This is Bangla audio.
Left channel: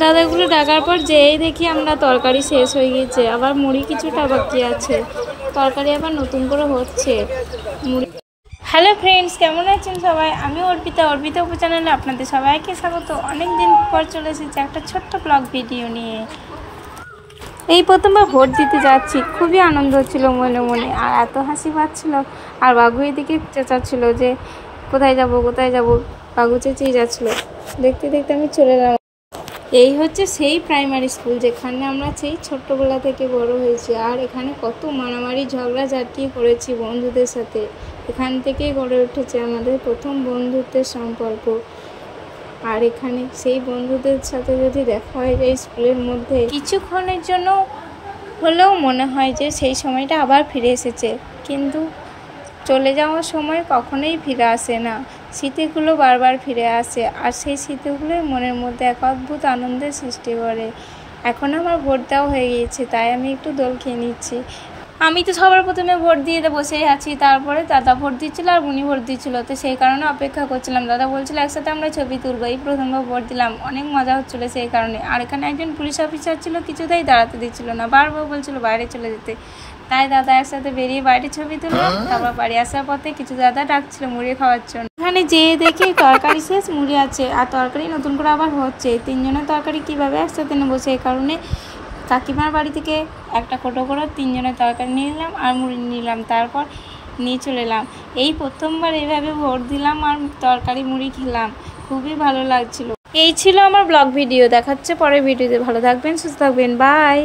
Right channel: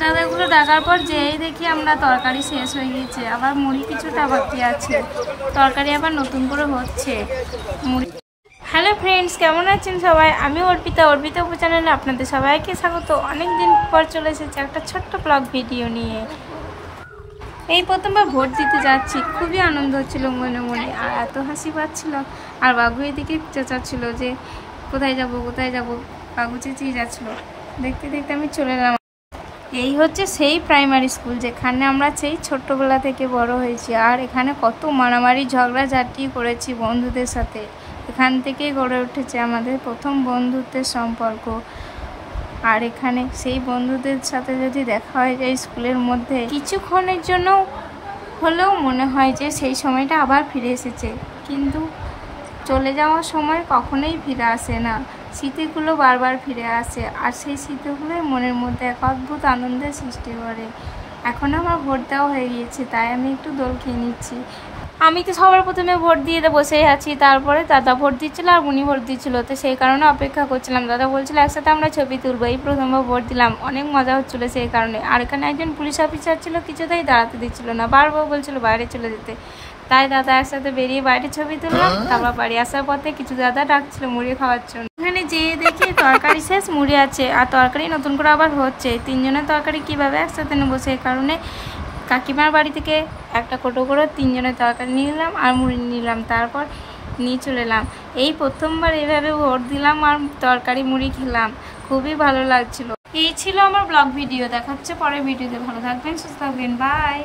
দাদাগুলো ডাকার পর যেই দেখি আমরা তরকারি শেষ হয়ে গিয়েছে, আবার মুড়ি কিছুটা বাকি আছে, তরকারি আবার নতুন করে হচ্ছে মুড়ি। হ্যালো ফ্রেন্ডস, কেমন আছেন সবাই? আমি অর্পিতা চ্যানেলে আপনাদের সবাইকে স্বাগত। অনেক দিন পর চলে এসেছে একটা ছোট্ট ব্লগ ভিডিও নিয়ে। এই প্রথমবার ভোট দিতে যাচ্ছি, খুবই আনন্দ হচ্ছিল মনে মনে, আর এত হাসি পাচ্ছিল। আর বাবু এদিকে চেঁচাচ্ছিল যে কোথায় যাব কোথায় যাব, বাবু চেঁচিয়ে যাচ্ছিল। দেখতে দেখতে আমি চলে এলাম। এই হচ্ছে সেই প্রাইমারি স্কুল যেখানে আমরা সেই ছোট্টবেলা থেকে বড় হয়েছি, আর এখানে কত মারামারি ঝগড়াঝাটি করেছি বন্ধুদের সাথে। এখান থেকেই গড়ে উঠেছে আমাদের প্রথম বন্ধুত্বের সম্পর্ক। আর এখানে সেই বন্ধুদের সাথে যদি দেখা হয় যে স্কুলের মধ্যে কিছুক্ষণের জন্য হলেও মনে হয় যে সেই সময়টা আবার ফিরে এসেছে, কিন্তু চলে যাওয়ার সময় কখনোই ফিরে আসে না। স্মৃতিগুলো বারবার ফিরে আসে, আর সেই স্মৃতিগুলোই মনের মধ্যে এক অদ্ভুত আনন্দের সৃষ্টি করে। এখন আমার ভোট দেওয়া হয়ে গিয়েছে, তাই আমি একটু দোল খেয়ে নিচ্ছি। আমি তো সবার প্রথমে ভোট দিয়ে বসেই আছি, তারপরে দাদা ভোট দিচ্ছিল আর উনি ভোট দিচ্ছিল, তো সেই কারণে অপেক্ষা করছিলাম। দাদা বলছিল একসাথে আমরা ছবি তুলবো। এই প্রথমবার ভোট দিলাম, অনেক মজা হচ্ছিলো সেই কারণে। আর এখানে একজন পুলিশ অফিসার ছিল, কিছুতেই দাঁড়াতে দিচ্ছিল না, বারবার বলছিল বাইরে চলে যেতে। তাই দাদা একসাথে বেরিয়ে বাইরে ছবি তুললাম। তারপর বাড়ি আসার পথে কিছু দাদা ডাকছিল মুড়ি খাওয়ার জন্য। এখানে যেয়ে দেখি তরকারি শেষ, মুড়ি আছে, আর তরকারি নতুন করে আবার হচ্ছে। তিনজনের তরকারি কিভাবে একসাথে নেবো, সেই কারণে কাকিমার বাড়ি থেকে একটা কোটো করে তিনজনের তরকারি নিয়ে নিলাম আর মুড়ি নিলাম, তারপর নিয়ে চলে এলাম। এই প্রথমবার এইভাবে ভোট দিলাম আর তরকারি মুড়ি খেলাম, খুবই ভালো লাগছিল। এই ছিল আমার ব্লগ ভিডিও। দেখাচ্ছে পরের ভিডিওতে। ভালো থাকবেন, সুস্থ থাকবেন, বাই।